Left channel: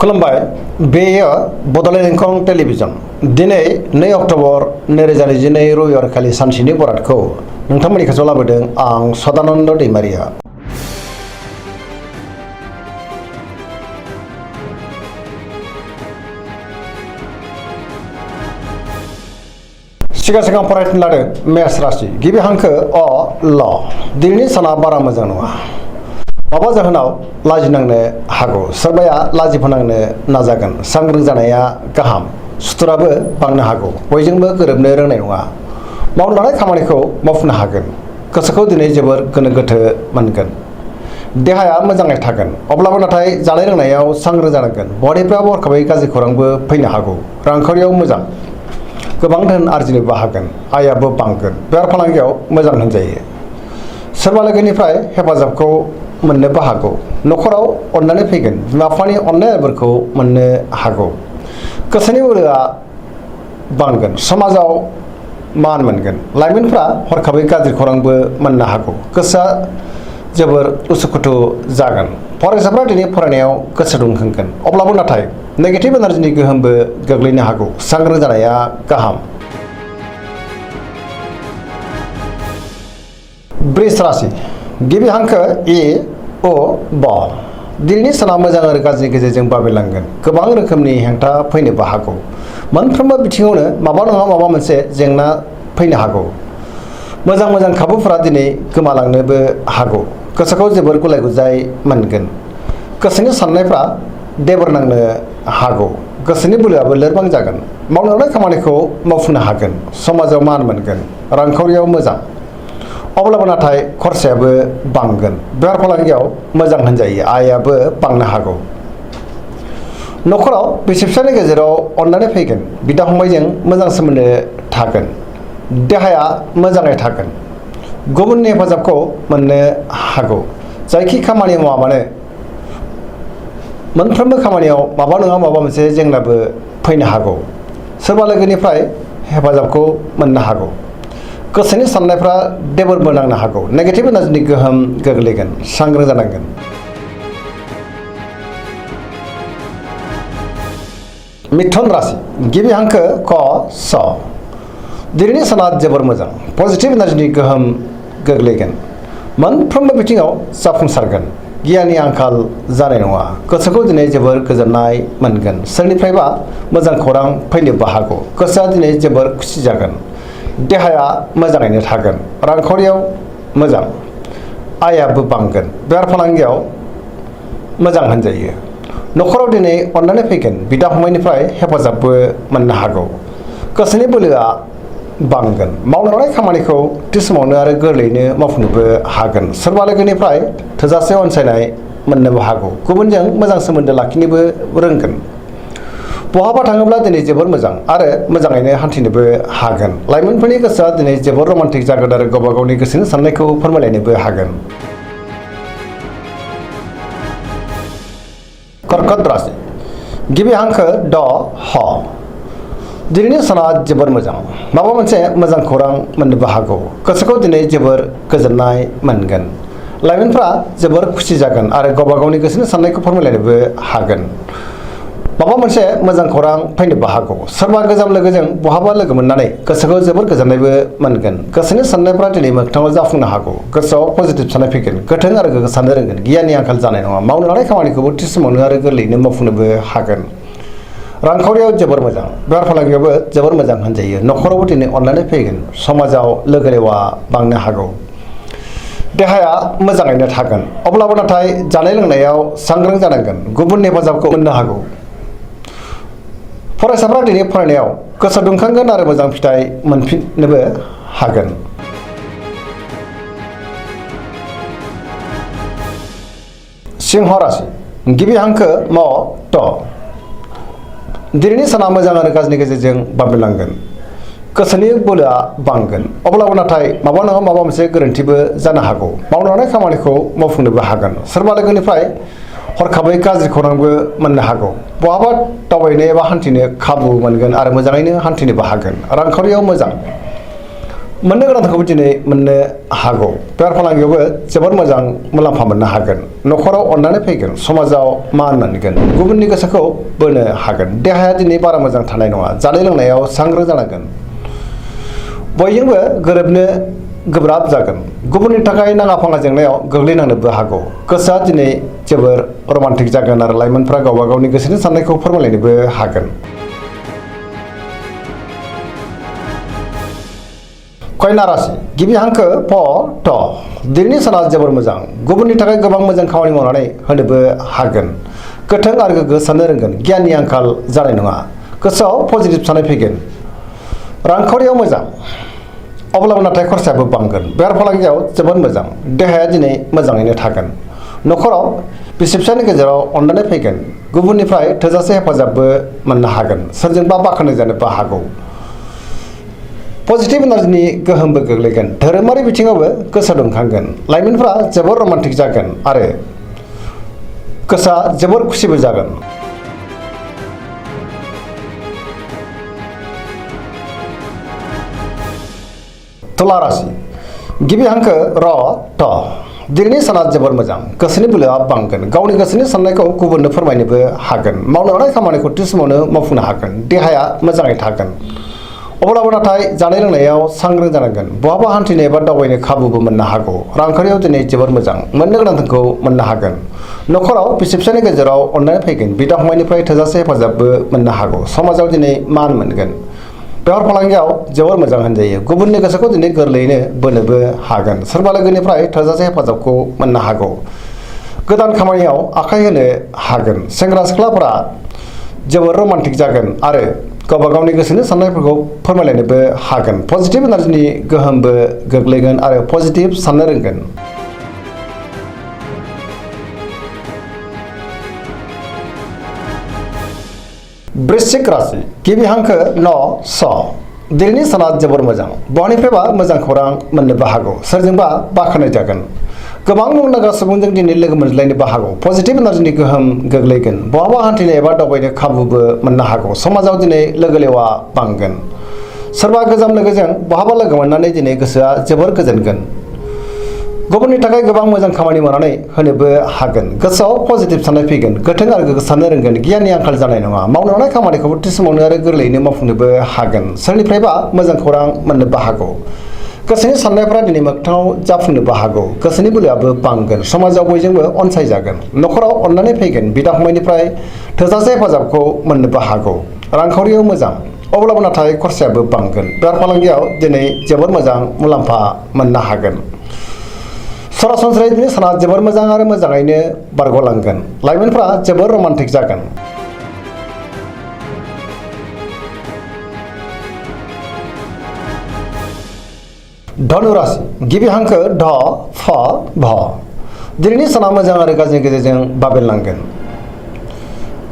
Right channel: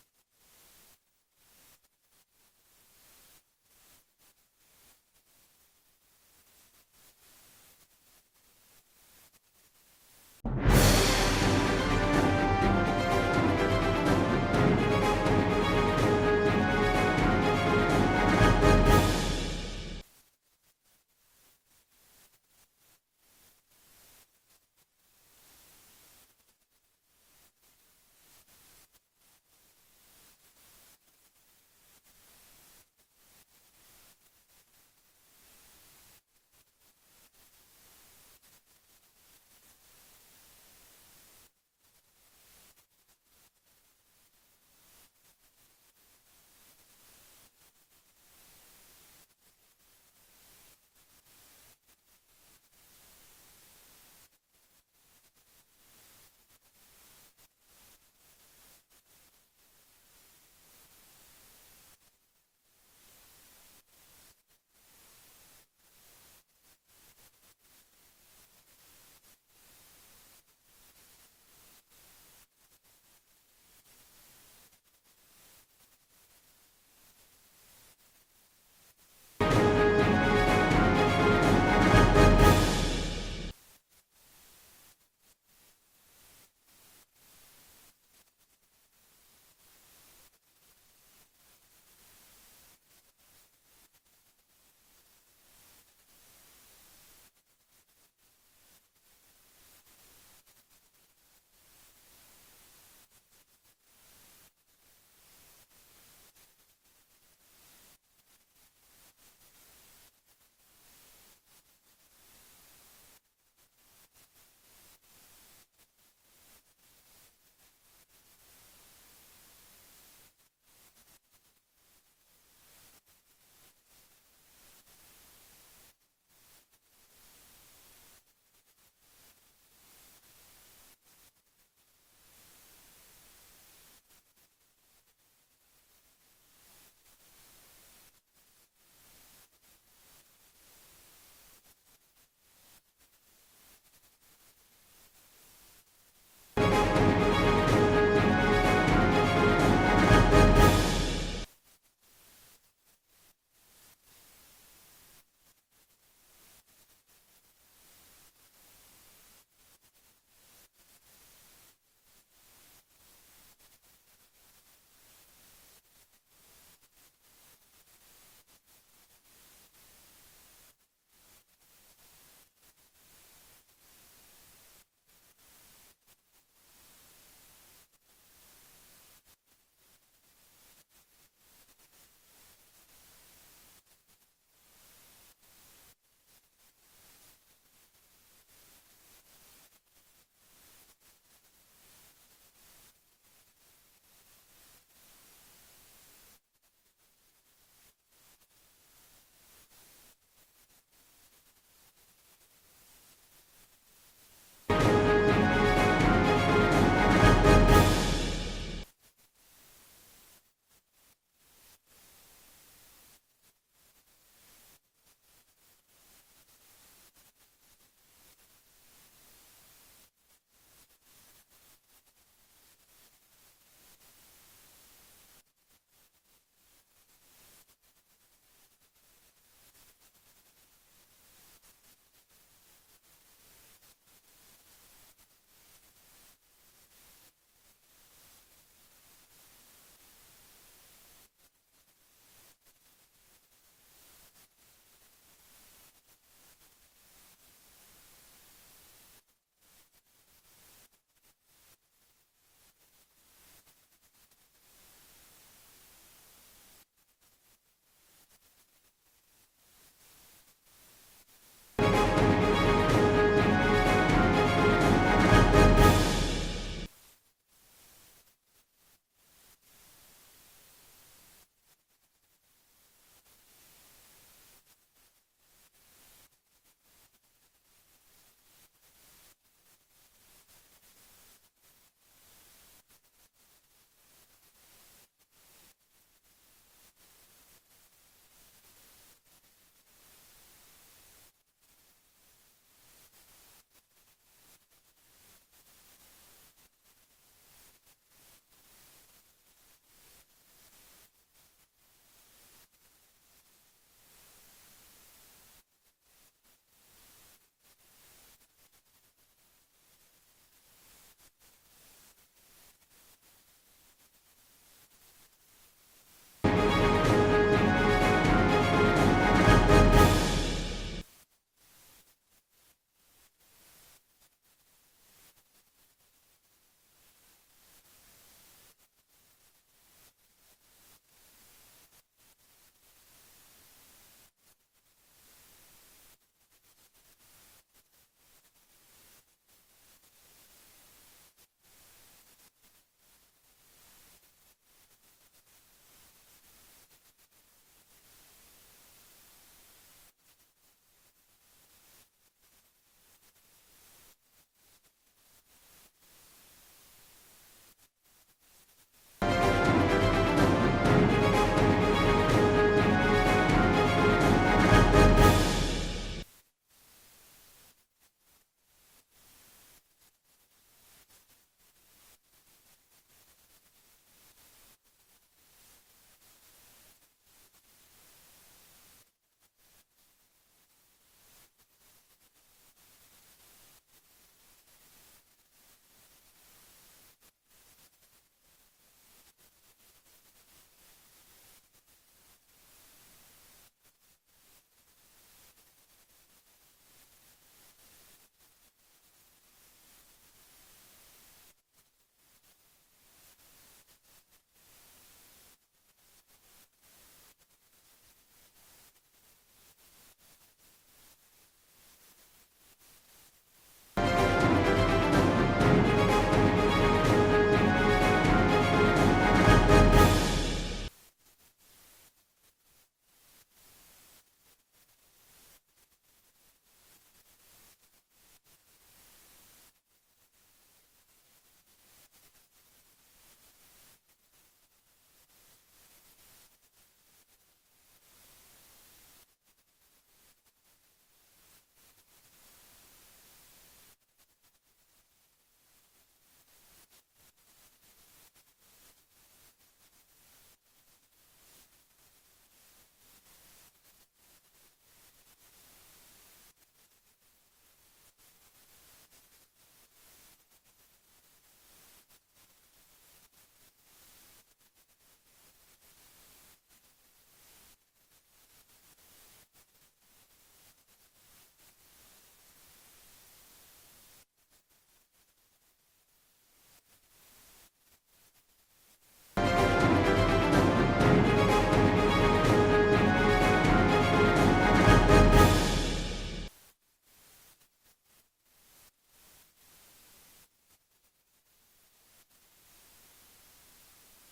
खुलुमबाय बेयो बड'लेण्ड इंखं टेलिभिजन दिनै 2 अक्ट'बर 2022 रबिबार खालि सानसेनि बरादखौ नोंथांमोननि खाथियाव लाबोदों आं सदानन्द दैमारिया। सिगां फरायनो लादों मेष राशि गिबि हांखो अ ल दिनैनि साना बारा मोजां नङा। माबा जाहोनाव लाजिनांनो हागौ, सोरबाया लाजिफोनांनो नाजागोन। सांग्रां जानाया गाहाम, सुथुराबो बांनो हागौ। बयजोंबो गोरोबनो रोंनाय नङा। मावनो लानाय खामानिखौ मावफुंनो हागोन। गोसोखौ दिनै जोबोर गोनो गोथो मोनगोन। देहाया मोजाङै थागोन, अब्लाबो नाथाय जानाय लोंनायाव सांग्रां जानांगोन। बहानिफ्राय हरखाबै गाज्रि खौरांबो फैनो हागौ। रांखावरियाव मोजां, गोबां धोन आरजिनोबो हागोन। आयाबो बांगोन। बेफार फालांगियाव मोजां होनजायो। सोरबा लोगोनिफ्राय हेफाजाबखौ मोननोबो हागौ। न'खराव अननानै फैगोन। बिमा बिफानि अननाय आदरखौ मोननो हागौ। गोसोनि बोलोआ बांगोन। समाजाव मान मोनगोन। लाइमोनफ्रा हरखाबै गाज्रि खौरांबो मोननो हागौ। गोसोआ जोबोर उसुखुथु जागोन। फरायसाफ्रा दिनै फरायनायाव गोसो दुंखांगोन, अब्लाबो नाथाय नेगेटिभ एनार्जिनि गोहोमबो गोग्लैनो हागौ। सांग्रां जानाया गाहाम। वृष राशि गिबि हांखो इ अ ब दिनैनि साना मोजां आरो गाज्रिनि गेजेरजों बाबेरलांगोन। गोबां रोखोमनि हेंथा फैनोबो हागौ। मोनफ्रोमबो बिथिङावनो माबा नङा माबा मोनसे जेंना फैनो हागौ। मोजां खाबुफोरा दिनै गोमालांनोबो हागौ। गोसोखौ जोबोर गुलाय गुजाय मोनगोन। गोसोनि साननायफ्रा देबर नांनो हागौ। गोसोनि बोलोआबो लोरबां जागोन। मावनो लानाय खामानिखौ मावफुंनो हागोन। समाजाव मान मोनगोन। रांखावरियाव मोजां, अब्लाबो नाथाय खरसायाबो बांगोन। बेफार फालांगियाव मोजां होनजायो। आयाबो बांनो हागौ। न'खराव बिसि फिसायनि गेजेराव अननानै फैगोन। बिदा फंबायजों मोजां सोमोन्दो थागोन। देहाया मोजाङै थागोन। गुबुननि हेफाजाबखौ मोननो हागौ। जायखि खामानि मावा मानो मोनफ्रोमबो खामानियाव माबा नङा माबा मोनसे जेंनाबो फैनो हागौ। सोरबा लोगोनिफ्राय हेफाजाबखौ मोननो हागौ। गोसोनि साननायफ्रा देबोरबो नांनो हागौ। नेगेटिभ एनार्जिनि गोहोम गोग्लैगोन। सांग्रां जानांगोन। मिथुन राशि गिबि हांखो क स दिनैनि साना जोबोर मोजां। पजिटिभ एनार्जिनि गोहोम गोग्लैगोन। मोनफ्रोमबो बिथिङाव जाफुंसारगोन। गियाननि आंखाल जानाय नङा। गोसोखौ दिनै जोबोर गोजोननाय मोनगोन। सोरनिफ्रायबा मोजां खौरां फैनोबो हागौ। गोसोआ दिनै जोबोर खुसि जागोन। देहाया मोजाङैनो थागोन। रांखावरियाव मोजां, आयाबो बांगोन। बेफार फालांगियाव मोजां होनजायो। न'खराव दिनै अननानै फैगोन। बिदा फंबायनिफ्राय हेफाजाबबो मोननो हागौ। गोसोनि बोलोआ बांगोन। मावनो लानाय खामानिखौ थि समावनो आरो गोरलैयैनो मावफुंनोबो हागोन। सोरबा लोगोनिफ्राय थोजासे अनसायनाय मोननोबो हागौ। गुबुनजों मोजां सोमोन्दो लाखिनोबो रोंगोन। बहाबा थाङोब्ला दिनै जोबोर मोजां आरो मोजाङैनो हान्थिनोबो हागोन। लाइमोनफोरनि गोसोआ दिनै जोबोर रमान्टिक जागोन आरो गावबा गावनि गोसोनि साननायखौ फोरमायलायनोबो हागोन। कर्कट राशि गिबि हांखो ड ह दिनैनि साना जोबोर मोजां। माबा मोनसे मोजां खौरां मोननोबो हागौ। गोसोखौ दिनै जोबोर गोजोननाय मोनगोन। लाइमोनफ्रा जोबोर खुसि जागोन आरो गावबा गावनि गोसोनि साननायखौ फोरमायलायनोबो हागोन। माबा मोनसे मोजां खौरां फैनोबो हागौ। सोरबा गोजाम लोगोजों बहाबा लोगो मोननानै गोसोखौ जोबोर गोजोननायबो मोनगोन। गोसोनि साननायफ्रा दिनै मोगथाङाव जाफुंनो हागौ। गोसोआव पजिटिभ साननाय फैगोन। गोथों आरो गोग्गो साननो रोंगोन। गियाननि आंखाल जानाय नङा। मावनो लानाय खामानिखौबो थि समावनो आरो गोरलैयैनो मावफुंनोबो हागोन। रांखावरियाव जोबोर मोजां। बेफार फालांगियावबो जोबोर मोजां होनजायो। न'खरावबो दिनै अननानै फैगोन। समाजाव लोगो लेवा बांनो हागौ। देहाया मोजाङैनो थागोन, अब्लाबो नाथाय जानाय लोंनायाव सांग्रां जानांगोन। गुबुननि हेफाजाबखौ मोननो हागौ। फरायसाफ्रा दिनै फरायनायाव गोसो दुंखांगोन आरो मोजां फिथाइ मोनफिननोबो हागोन। सिंह राशि गिबि हांखो म ट दिनैनि साना मोजां आरो गाज्रिनि गेजेरजों बाबेरलांगोन। गोसोनि बोलोआ बांगोन, अब्लाबो नाथाय माबा नङा माबा मोनसे गोरोन्थिबो जानो हागौ। मावनो लानाय खामानिखौ मावफुंनोबो हागोन। सोरबा लोगोनिफ्राय हरखाबै गाज्रि खौरांबो मोननो हागौ। बहाबा दावबायनो एबा हान्थिनो खाबु मोनगोन आरो मोजाङैनो हान्थिनोबो हागोन। रांखावरियाव मोजां, मोननो गोनांखौबो दिनै मोननो हागौ बेफार फालांगियावबो जोबोर मोजां मुलाम्फा मोननो हागोन न'खराव अननानै फैगोन समाजाव मान मोनगोन गुबुननि गोसोखौ बोनो हागोन देहाया दिनै बारा मोजां थानाय नङा जानाय लोंनायाव सांग्रां जानांगोन बयजोंबो गोरोबनो गोब्राब जागोन गुबुननि थाखाय नाङा फाङा जेंनायाव गोग्लैनांनोबो हागौ गोसोआ दिनै जोबोर रमान्टिक जागोन आरो लाइमोनफ्रा गावबा गावनि गोसोनि साननायखौ फोरमायलायनोबो हागोन कन्या राशि गिबि हांखो प ट दिनैनि साना जोबोर मोजां गुबुननि थाखाय गोबां मोजां खामानि मावनानै होनोबो हागोन गोथों आरो गोग्गो साननो रोंगोन गियाननि आंखाल जानाय नङा गोसोआव पजिटिभ साननाय फैगोन रांखावरियाव मोजां अब्लाबो नाथाय खरसायाबो बांगोन बेफार फालांगियाव जोबोद मोजां देहाया दिनै मोजाङैनो थागोन न'खराव बिसि फिसायनि गेजेराव अननानै फैगोन गुबुननिफ्राय थोजासे हेफाजाबबो मोननो हागोन सोरजोंबा बाख्नाय जानोबो हागौ पजिटिभ एनार्जिनि गोहोमबो गोग्लैगोन धोरोमारि बिथिङावबो गोसो दुंखांगोन लाइमोनफ्रा जोबोर रमान्टिक जागोन आरो गोसोआ जोबोर खुसिबो जागोन तुला राशि गिबि हांखो र ट दिनैनि साना जोबोर मोजां गोसोनि बोलोआ बांगोन गावनि गोसोनि साननायखौ गुबुननो फोरमायनोबो हागोन मावनो हानाय खामानिखौ थि समावनो मावफुंनो हागोन देहाया मोजाङै थागोन अब्लाबो नाथाय जानाय लोंनायाव सांग्रां जानांगोन बहाबा हान्थिनो एबा दावबायनो खाबुबो मोननो हागौ रांखान्थियाव दिनै जोबोर मोजां मोननो गोनांखौ मोननो हागोन न'खराव बिसि फिसायनि गेजेराव अननानै फैगोन बिदा फंबायनिफ्राय थोजासे हेफाजाबबो मोननो हागौ समाजाव दिनै मान मोनगोन बेफार फालांगियाव जोबोर मोजां होनजायो गुबुननि गोसोखौ दिनै गोरलैयैनो बोनोबो हागोन सोरबा लोगोनिफ्राय थोजासे हेफाजाबखौ मोननो हागौ गोदान खामानियाव आखाइ होनो हागोन सेंग्रा सिख्लाफोरा जोबोर रमान्टिक जागोन आरो गावबा गावनि गोसोनि साननायफोरखौ फोरमायलायनोबो हागोन पजिटिभ एनार्जिनि गोहोमबो गोग्लैगोन आरो पजिटिभ साननो रोंगोन वृश्चिक राशि गिबि हांखो न स दिनैनि साना जोबोर मोजां बहानिफ्रायबा मोजां खौरां मोननोबो हागौ सोरजोंबा बाख्नाय जागोन गोबां मुंदांखा सुबुंजों दिनै लोगो मोनज्लायनोबो हागौ पजिटिभ एनार्जिनि गोहोम गोग्लैगोन बहाबा हान्थिनो एबा दावबायनो खाबुबो मोननो हागौ समाजाव दिनै लोगो लेवा बांगोन सोरबा गोजाम लोगोजों बहाबा लोगो मोननानै दिनै गोसोआ जोबोर गोजोनगोन गुबुननि थाखाय गोबां मोजां खामानि मावनानै होनोबो हागोन गोसोआव पजिटिभ साननाय फैगोन गोथों आरो गोग्गो साननो रोंगोन गियाननि आंखाल जानाय नङा मावनो हानाय खामानिखौबो थि समावनो आरो गोरलैयैनो मावफुंनोबो हागोन सोरनिफ्रायबा मोजां खौरां मोननोबो हागौ गोसोनि साननायफोरा दिनै मोगथाङाव जाफुंनोबो हागौ गोसोनि बोलोआबो बांगोन समाजाव बयजोंबो अनसायजागोन न'खराव अननानै फैगोन बिदा फंबायनिफ्राय थोजासे हेफाजाबखौ मोननोबो हागौ रांखावरियाव मोजां अब्लाबो नाथाय खरसायाबो बांगोन बेफार फालांगियाव दिनै जोबोर मोजां मुलाम्फा मोननो हागोन सरासनस्रायै दिनै साना जोबोर मोजां आरो मोजाङैनो बारग'लांगोन लाइमोनफ्रा जोबोर रमान्टिक जागोन धनु राशि गिबि हांखो ध फ भ दिनैनि साना मोजां आरो गाज्रिनि गेजेरजों बाबेनलांगोन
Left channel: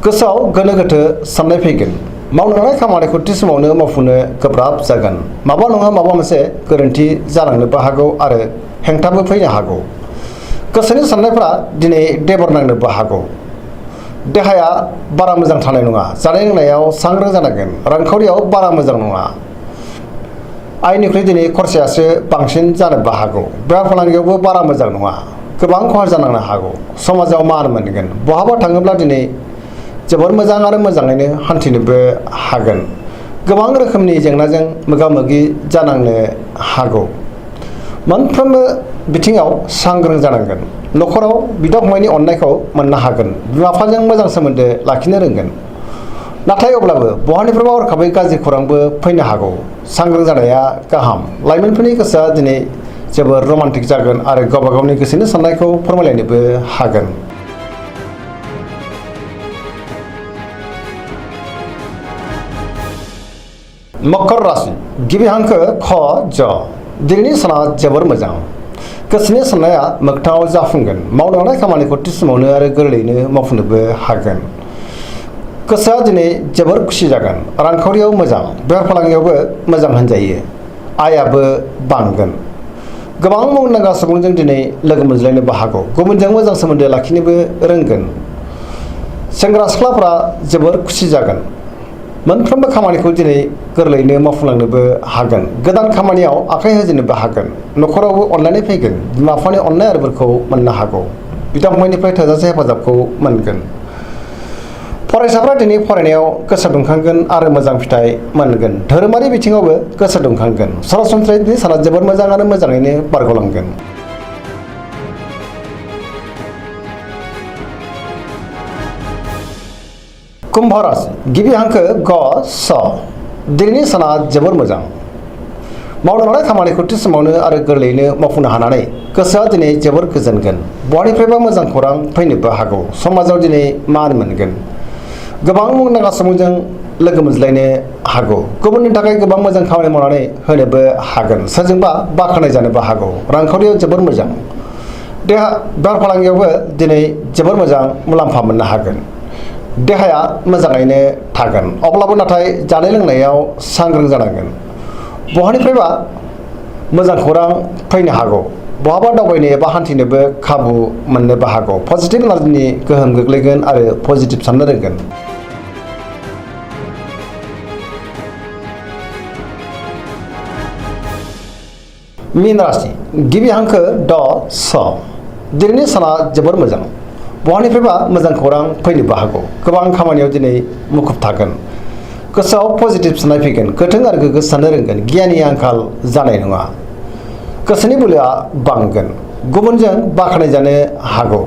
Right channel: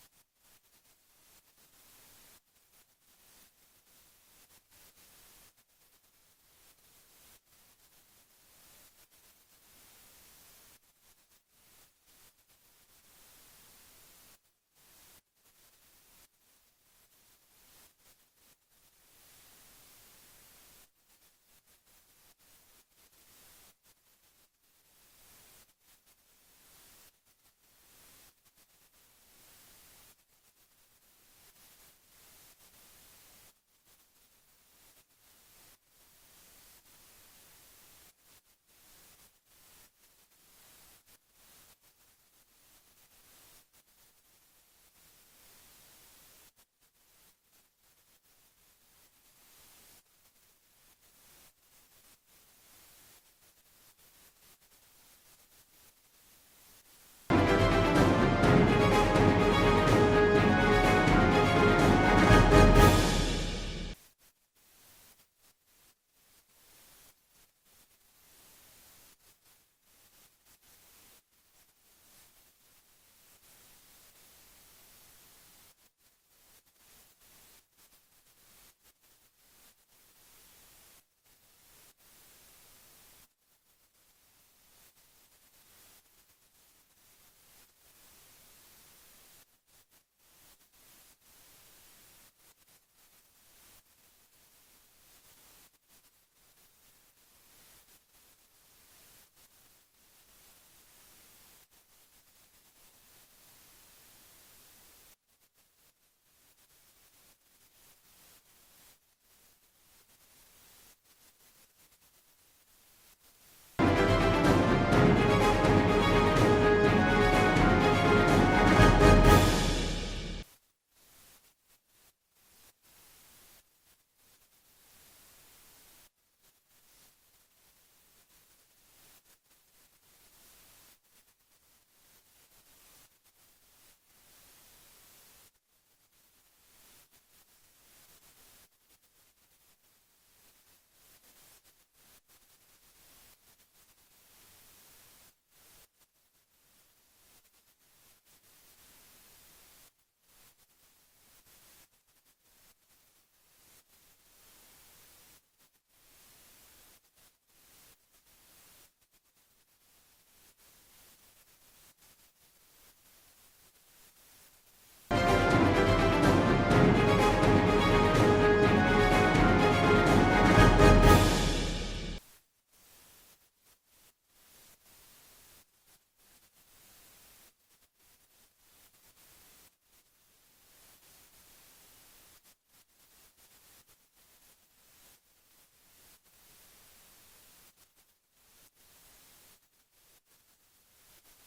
गोसोआव गोनो गोथो साननाय फैगोन मावनो हानाय खामानिखौ थि समावनो मावफुंनो गोब्राब जागोन माबा नङा माबा मोनसे गोरोन्थि जालांनोबो हागौ आरो हेंथाबो फैनो हागौ गोसोनि साननायफ्रा दिनै देबर नांनोबो हागौ देहाया बारा मोजां थानाय नङा जानाय लोंनायाव सांग्रां जानांगोन रांखावरियाव बारा मोजां नङा आयनिख्रुइ दिनै खरसायासो बांसिन जानोबो हागौ बेफार फालांगियावबो बारा मोजां नङा गोबां खहा जानांनो हागौ समाजाव मान मोनगोन बहाबा थाङोब्ला दिनै जोबोर मोजां आरो मोजाङैनो हान्थिनोबो हागोन गोबां रोखोमनि जेंनाजों मोगा मोगि जानांनो हागौ मोनफ्रोमबो बिथिङाव सांग्रां जानांगोन न'खराव बिदा फंबायनि अननायखौ मोननो हागोन बिमा बिफाजों मोजां सोमोन्दो लाखिनो रोंगोन नाथाय अब्लाबो बहानिफ्रायबा हरखाबै गाज्रि खौरांबो फैनो हागौ सांग्रां जानाया गाहाम लाइमोनफोरनि गोसोआ दिनै जोबोर रमान्टिक जागोन आरो गावबा गावनि गोसोनि साननायखौ फोरमायलायनोबो हागोन मकर राशि गिबि हांखो ख ज दिनैनि साना जोबोर मोजां गोसोनि साननाया मोगथाङाव जाफुंगोन मावनो हानाय खामानिखौ थि समावनो आरो गोरलैयैनो मावफुंनोबो हागोन गोसोआ दिनै जोबोर खुसि जागोन रांखावरियाव मोजां बेफार फालांगियावबो मोजां होनजायो आयाबो बांगोन गोबां मुंदांखा सुबुंजों दिनै लोगो मोनज्लायनोबो हागौ गुबुनजों मोजां सोमोन्दो लाखिनोबो रोंगोन सेंग्रा सिख्लाफ्रा जोबोर खुसि जागोन मोनफ्रोमबो खामानिखौ दिनै गोरलैयैनो मावफुंलांनोबो हागोन। गोदान खामानियाव आखाइ होजेननोबो हागोन। न'खरावबो अनलायनाय फैगोन। बिमा बिफानि अननाय आरो बोरखौ मोननो हागौ। बिदा फंबायनिफ्राय थोजासे हेफाजाबखौ मोनगोन। फरायसाफ्रा दिनै फरायनायाव गोसो दुंखांगोन आरो मोजां फिथाइ मोनगोन। धोरोमारि बिथिङावबो गोसो दुंखांगोन। सरासनस्रायै दिनै साना जोबोद मोजां आरो मोजाङैनो बारग'लांगोन। कुम्भ राशि गिबि हांखो ग स दिनैनि साना जोबोर मोजां। मावनो लानाय खामानिखौ थि समावनो आरो गोरलैयैनो मावफुंनो हानानै गोसोआ दिनै जोबोर गोजोनगोन। बहानिफ्रायबा मोजां खौरां फैनोबो हागौ। समाजाव दिनै मान मोनगोन। गोबां मुंदांखा सुबुंजों लोगो मोनज्लायनो हागौ। गुबुननि थाखाय गोबां मोजां खामानि मावनानै होनोबो हागोन। सोरजोंबा बाख्नाय जानोबो हागौ। रांखावरियाव जोबोर मोजां। देहा बेफार फालांगियावबो दिनै जोबोर मोजां मुलाम्फा मोननो हागोन। देहाया मोजाङैनो थागोन। अब्लाबो नाथाय जानाय लोंनायाव सांग्रां जानांगोन। बहानिफ्रायबा मोजां खौरां फैनो हागौ। बहाबा दावबायनो एबा हान्थिनोबो खाबु मोननोबो हागौ। पजिटिभ एनार्जिनि गोहोम गोग्लैगोन आरो पजिटिभ साननो रोंगोन। मीन राशि गिबि हांखो ड स दिनैनि साना जोबोर मोजां। बहानिफ्रायबा मोजां खौरां फैनोबो हागौ। गोबां खामानियाव दिनै मुखुब थागोन। गोसोआव पजिटिभ साननाय फैगोन। गोथों आरो गोग्गो साननो रोंगोन। गियाननि आंखाल जानाय नङा। गोसोनि बोलोआ बांगोन। गुबुनजों बाख्नायजानो हागौ।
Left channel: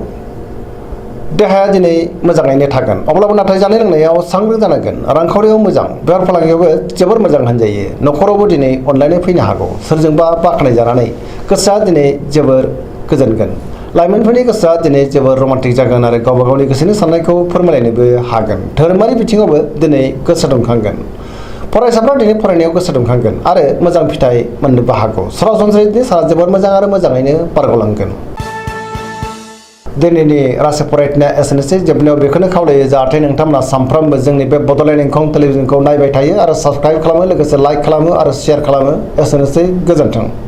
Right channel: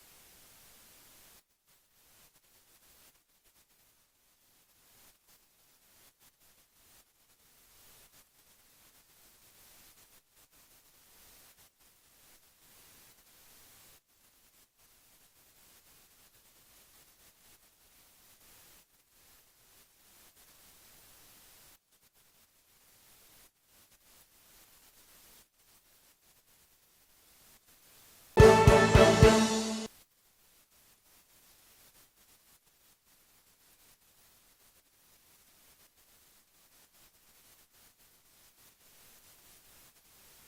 देहाया दिनै मोजाङैनो थागोन। अब्लाबो नाथाय जानाय लोंनायाव सांग्रां जानांगोन। रांखावरियाव मोजां। बेफार फालांगियावबो जोबोर मोजां होनजायो। न'खरावबो दिनै अनलायनाय फैनो हागौ। सोरजोंबा बाख्नायजानानै गोसोआ दिनै जोबोर गोजोनगोन। लाइमोनफोरनि गोसोआ दिनै जोबोर रमान्टिक जागोन आरो गावबा गावनि गोसोनि साननायखौ फोरमायलायनोबो हागोन। धोरोमारि बिथिङावबो दिनै गोसो दुंखांगोन। फरायसाफ्रा दिनै फरायनायाव गोसो दुंखांगोन आरो मोजां फिथाइ मोननोबो हागौ। सरासनस्रायै दिनै साना जोबोर मोजां आरो मोजाङैनो बारग'लांगोन। दिनैनि राशि फरायथिनाया एसेनोसै। जोबनायाव बेखौनो खावलायो जाहाथे नोंथांमोना सानफ्रोमबो जोंनि बे बड'लेण्ड इंखं टेलिभिजनखौ नायबाय थायो आरो साबस्क्राइब खालामो, लोगोसे लाइक खालामो आरो शेयार खालामो। एसेनोसै, गोजोन्थों।